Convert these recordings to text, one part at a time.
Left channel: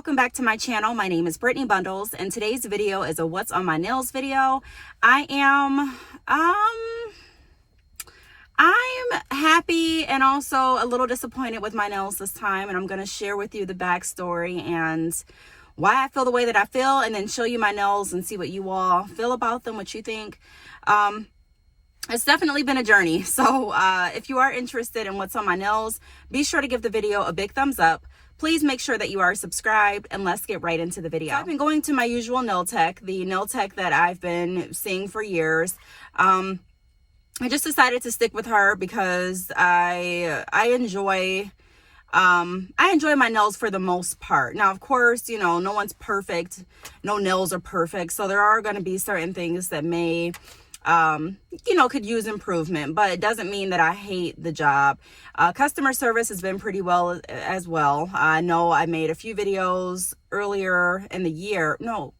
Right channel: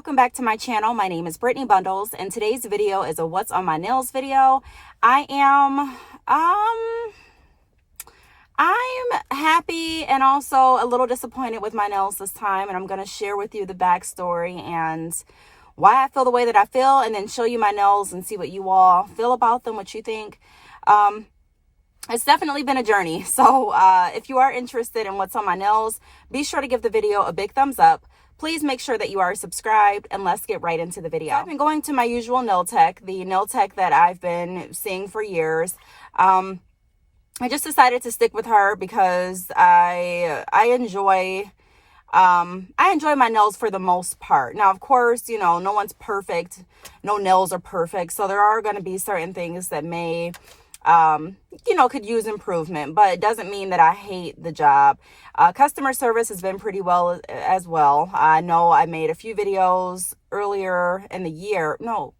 welcome back to my channel. My name is Brittany Bundles, and today's video is a what's on my nails video. I'm happy and also a little disappointed with my nails this time, and I'm going to share with you the backstory and why I feel the way that I feel, and then show you my nails and see what you all feel about them, what you think. It's definitely been a journey. So if you are interested in what's on my nails, be sure to give the video a big thumbs up. Please make sure that you are subscribed, and let's get right into the video. So I've been going to my usual nail tech, the nail tech that I've been seeing for years. I just decided to stick with her because I enjoy my nails for the most part. Now, of course, you know, no one's perfect. No nails are perfect. So there are going to be certain things that may, could use improvement, but it doesn't mean that I hate the job. Customer service has been pretty well as well. I know I made a few videos earlier in the year,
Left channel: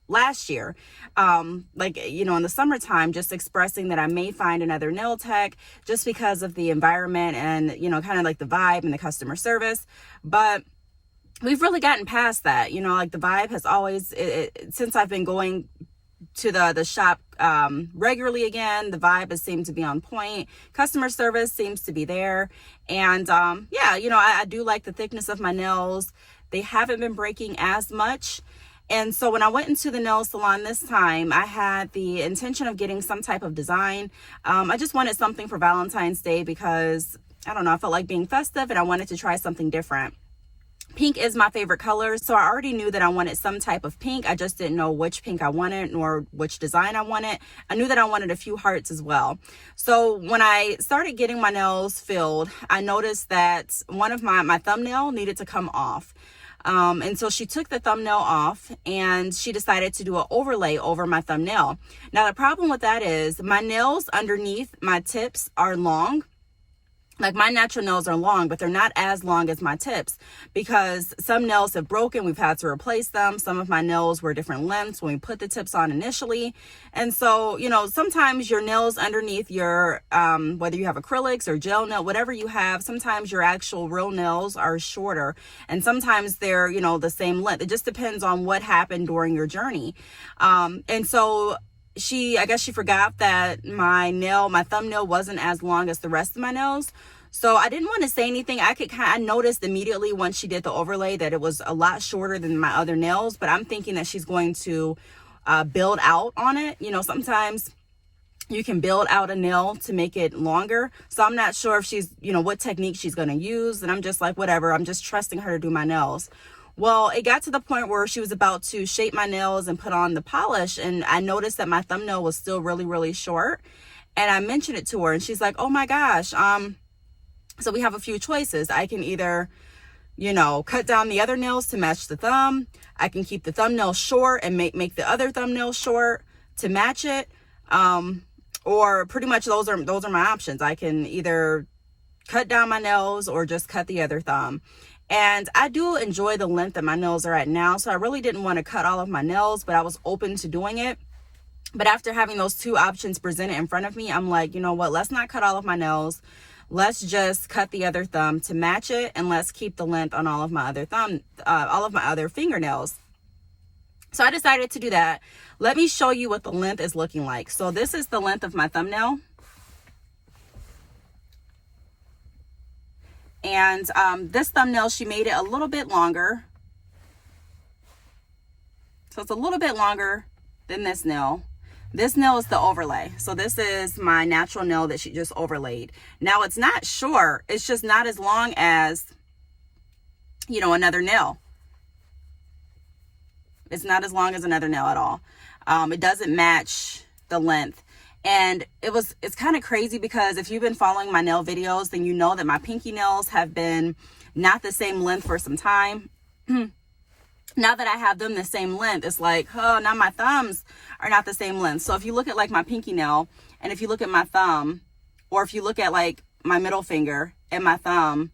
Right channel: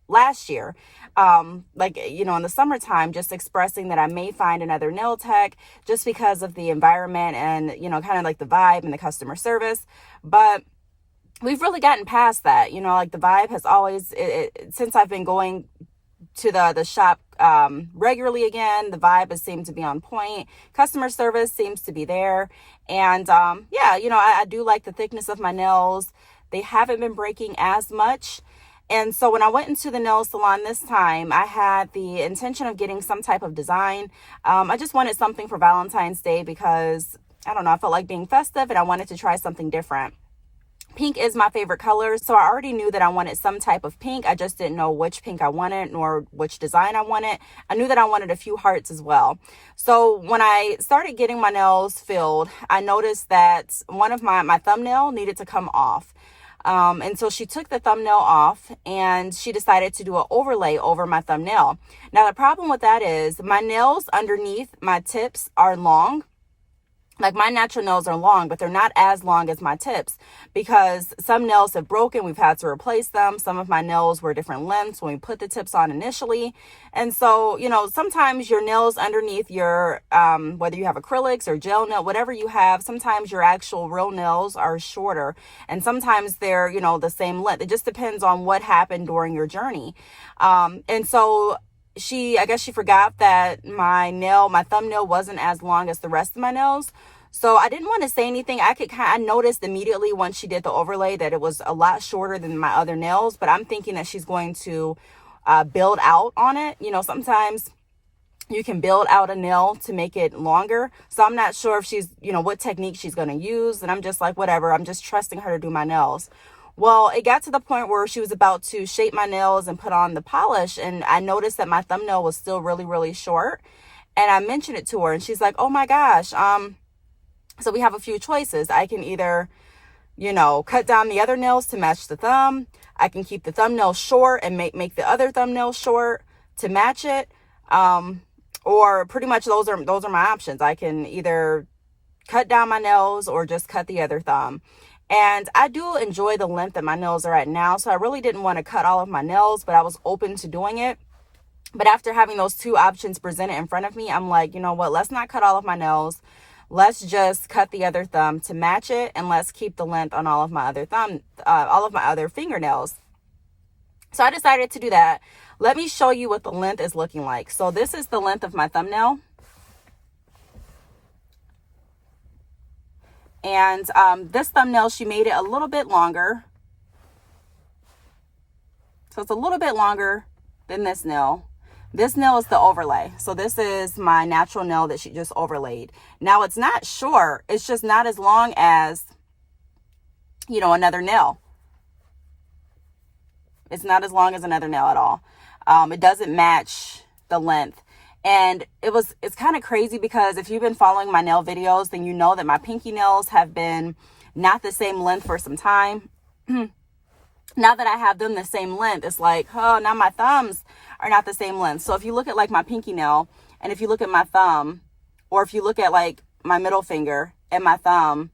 last year, in the summertime, just expressing that I may find another nail tech just because of the environment and, kind of like the vibe and the customer service. But we've really gotten past that, the vibe has always, since I've been going to the shop regularly again, the vibe has seemed to be on point. Customer service seems to be there. And I do like the thickness of my nails. They haven't been breaking as much. And so when I went into the nail salon this time, I had the intention of getting some type of design. I just wanted something for Valentine's Day because, I don't know, I felt like being festive and I wanted to try something different. Pink is my favorite color, so I already knew that I wanted some type of pink. I just didn't know which pink I wanted nor which design I wanted. I knew that I wanted a few hearts as well. So when I started getting my nails filled, I noticed that one of my thumbnail needed to come off. And so she took the thumbnail off and she decided to do an overlay over my thumbnail. Now, the problem with that is my nails underneath my tips are long. Like, my natural nails are long, but they're not as long as my tips because some nails have broken. We've had to replace them. Some of my nails were different lengths when we put the tips on initially. And so, sometimes your nails underneath your, whether you have acrylics or gel nail, whatever you have, sometimes your actual real nails are shorter and sometimes they're, the same length. It just depends on what happened during your journey. And so I guess she forgot that my thumbnail wasn't as long as the rest of my nails. So I didn't want to say anything. I noticed immediately once she did the overlay that it was a lot shorter than my other nails, but I'm thinking that she's going to build out on it. Sometimes you can build out a nail to make it longer. So I'm not sure if she's, what technique she's going to use. And I'm just like, whatever, I'm just trusting her to do my nails. Well, it got to the point where she was about to shape my nails and put on the polish. And I noticed that my thumbnail was still really, really short. And I mentioned it to her and she's like, oh my gosh. So we have a few choices. I can either, cut down the other nails to match the thumb. I can keep the thumbnail short and make the other thumbnail short to match it. Or pretty much those are my options. I can either cut down my nails or just cut the other thumb. And I do enjoy the length that my nails are at now. So I really didn't want to cut all of my nails, but I was open to doing it. But after having those two options presented in front of me, I'm like, you know what, let's not cut all of my nails. Let's just cut the other thumb to match it. And let's keep the length on all of my other fingernails. So I decided to do that. Let me show you what the length is looking like. So this is the length of my thumbnail. And this thumbnail, she made it a little bit longer. So it's a little bit longer than this nail. This nail is the overlay. So this is my natural nail that she just overlaid. Now it's not short. It's just not as long as, another nail. It's not as long as another nail at all. It doesn't match the length. And it's kind of crazy because if you've been following my nail videos, then you know that my pinky nails have been not the same length for some time. Now that I have them the same length, it's like, oh, now my thumbs are not the same length. So if you look at like my pinky nail and if you look at my thumb, or if you look at like my middle finger and my thumb,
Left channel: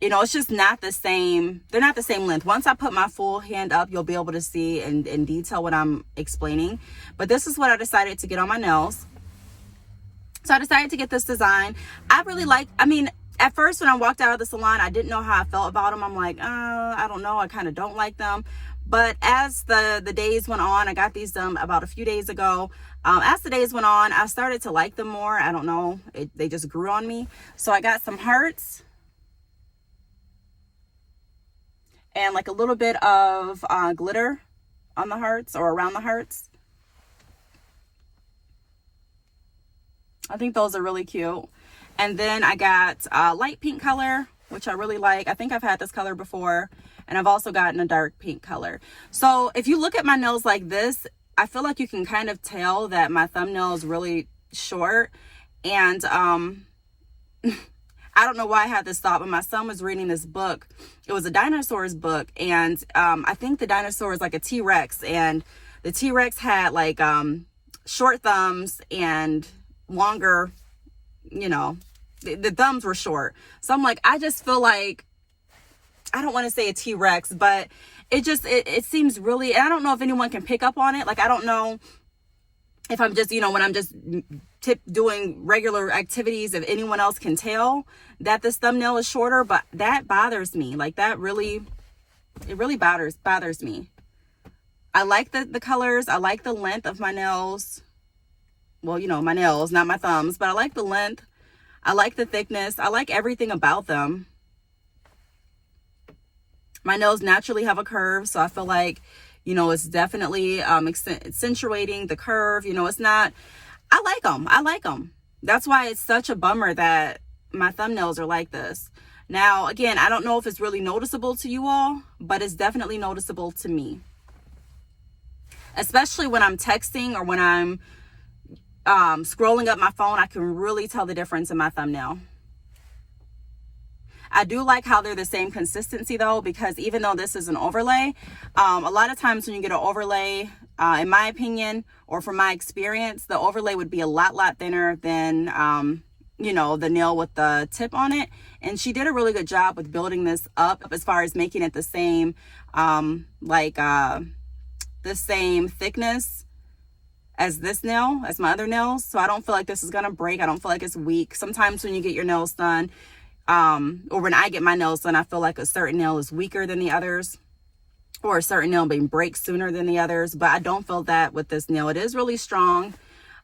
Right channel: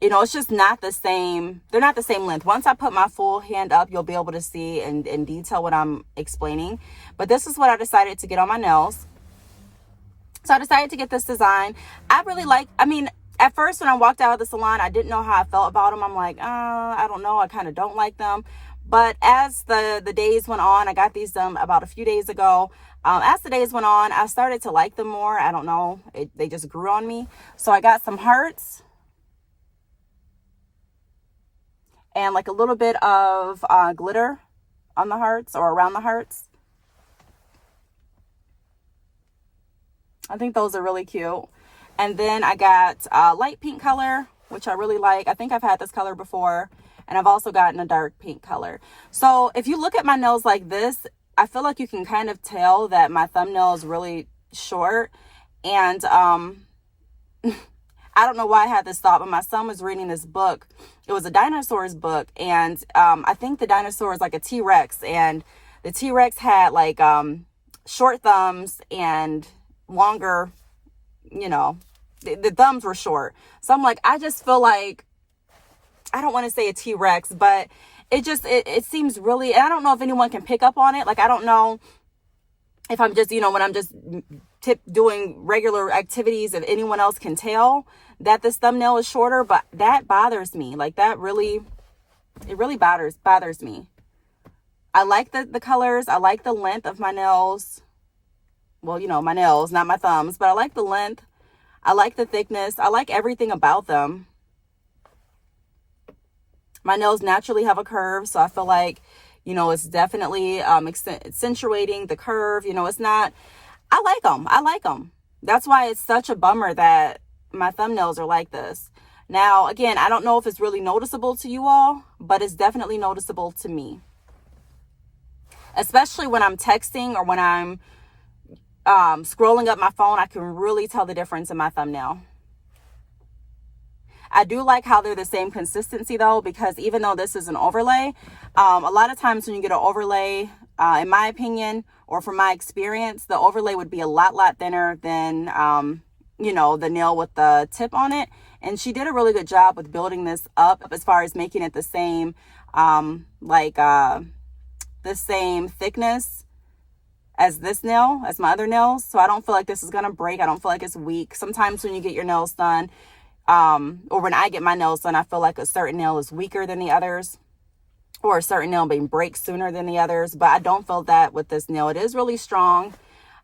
it's just not the same. They're not the same length. Once I put my full hand up, you'll be able to see in detail what I'm explaining. But this is what I decided to get on my nails. So I decided to get this design. At first when I walked out of the salon, I didn't know how I felt about them. I'm like, I don't know. I kind of don't like them. But as the days went on, I got these done about a few days ago. As the days went on, I started to like them more. I don't know, they just grew on me. So I got some hearts and like a little bit of glitter on the hearts or around the hearts. I think those are really cute. And then I got light pink color, which I really like. I think I've had this color before. And I've also gotten a dark pink color. So if you look at my nails like this, I feel like you can kind of tell that my thumbnail is really short. And I don't know why I had this thought, but my son was reading this book. It was a dinosaurs book. And I think the dinosaur is like a T-Rex. And the T-Rex had like short thumbs and longer, you know, the thumbs were short. So I'm like, I just feel like, I don't want to say a T-Rex, but it seems really, and I don't know if anyone can pick up on it. Like, I don't know if I'm just, when I'm just doing regular activities, if anyone else can tell that this thumbnail is shorter, but that bothers me. Like, that really, it really bothers me. I like the colors. I like the length of my nails. Well, my nails, not my thumbs, but I like the length. I like the thickness. I like everything about them. My nails naturally have a curve, so I feel like, it's definitely accentuating the curve. It's not, I like them. I like them. That's why it's such a bummer that my thumbnails are like this. Now, again, I don't know if it's really noticeable to you all, but it's definitely noticeable to me. Especially when I'm texting or when I'm scrolling up my phone, I can really tell the difference in my thumbnail. I do like how they're the same consistency though, because even though this is an overlay, a lot of times when you get an overlay, in my opinion, or from my experience, the overlay would be a lot thinner than, the nail with the tip on it. And she did a really good job with building this up as far as making it the same, the same thickness as this nail, as my other nails. So I don't feel like this is going to break. I don't feel like it's weak. Sometimes when you get your nails done, or when I get my nails done, I feel like a certain nail is weaker than the others, or a certain nail may break sooner than the others, but I don't feel that with this nail. It is really strong.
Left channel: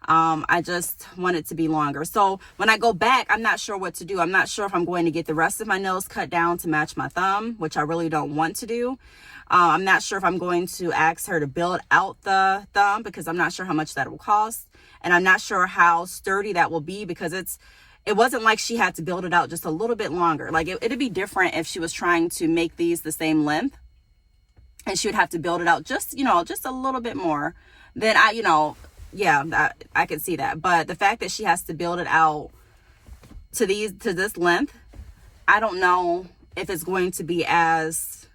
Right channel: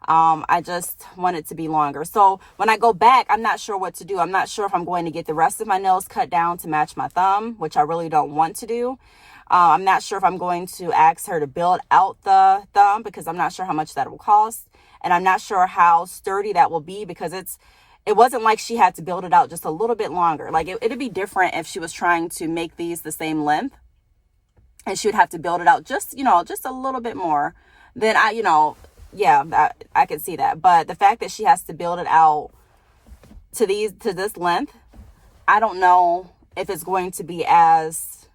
I just want it to be longer. So when I go back, I'm not sure what to do. I'm not sure if I'm going to get the rest of my nails cut down to match my thumb, which I really don't want to do. I'm not sure if I'm going to ask her to build out the thumb, because I'm not sure how much that will cost. And I'm not sure how sturdy that will be, because it wasn't like she had to build it out just a little bit longer. Like it'd be different if she was trying to make these the same length and she would have to build it out just a little bit more. Then I could see that. But the fact that she has to build it out to this length, I don't know if it's going to be as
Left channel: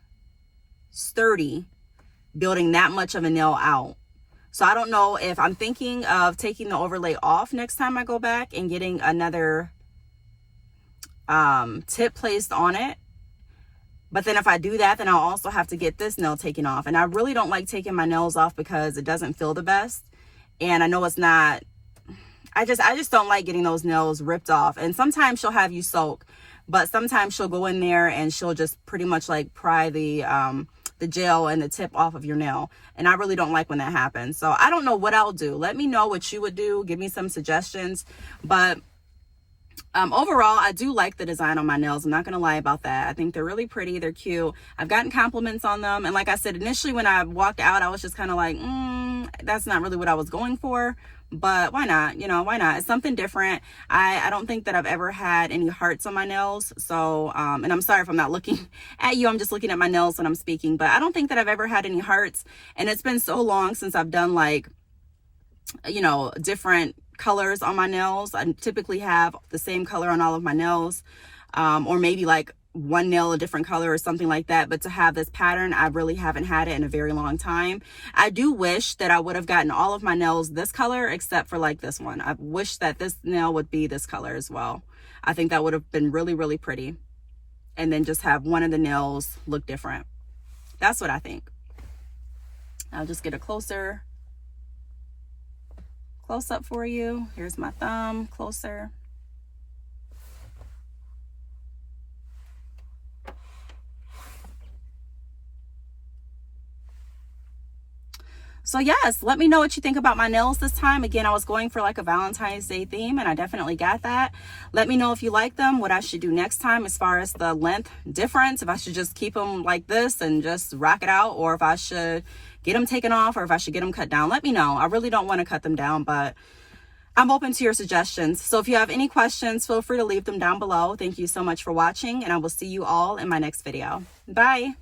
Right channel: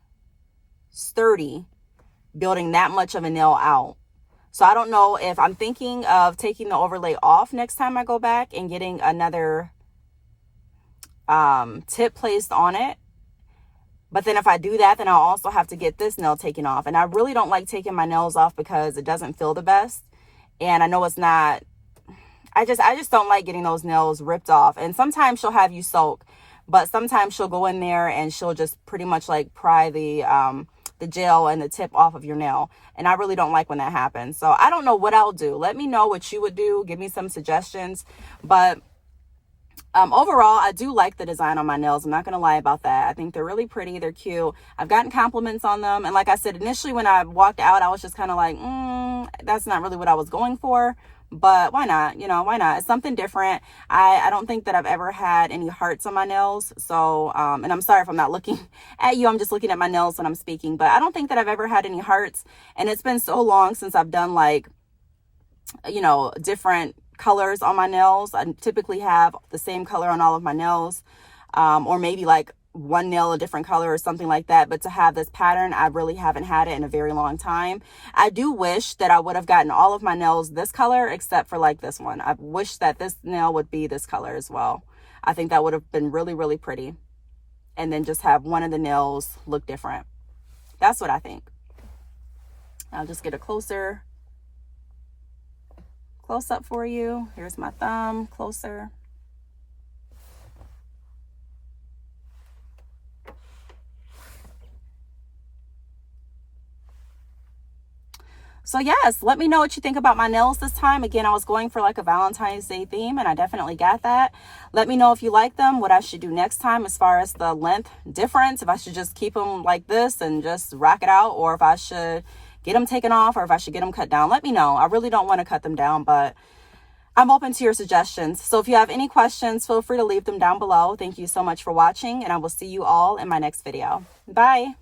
sturdy building that much of a nail out. So I don't know if I'm thinking of taking the overlay off next time I go back and getting another tip placed on it. But then if I do that, then I'll also have to get this nail taken off. And I really don't like taking my nails off because it doesn't feel the best. And I know it's not, I just don't like getting those nails ripped off. And sometimes she'll have you soak, but sometimes she'll go in there and she'll just pretty much like pry the gel and the tip off of your nail. And I really don't like when that happens. So I don't know what I'll do. Let me know what you would do. Give me some suggestions. But overall, I do like the design on my nails. I'm not going to lie about that. I think they're really pretty. They're cute. I've gotten compliments on them. And like I said, initially when I walked out, I was just kind of like, that's not really what I was going for. But why not? Why not? It's something different. I don't think that I've ever had any hearts on my nails. So, and I'm sorry if I'm not looking at you. I'm just looking at my nails when I'm speaking. But I don't think that I've ever had any hearts. And it's been so long since I've done like, different colors on my nails. I typically have the same color on all of my nails, or maybe like one nail a different color or something like that. But to have this pattern, I really haven't had it in a very long time. I do wish that I would have gotten all of my nails this color except for like this one. I wish that this nail would be this color as well. I think that would have been really, really pretty. And then just have one of the nails look different. That's what I think. I'll just get a close up for you. Here's my thumb closer. So yes, let me know what you think about my nails this time. Again, I was going for like a Valentine's Day theme and I definitely got that. Let me know if you like them, what I should do next time as far as the length difference, if I should just keep them like this and just rock it out, or if I should get them taken off, or if I should get them cut down. Let me know. I really don't want to cut them down, but I'm open to your suggestions. So if you have any questions, feel free to leave them down below. Thank you so much for watching, and I will see you all in my next video. Bye.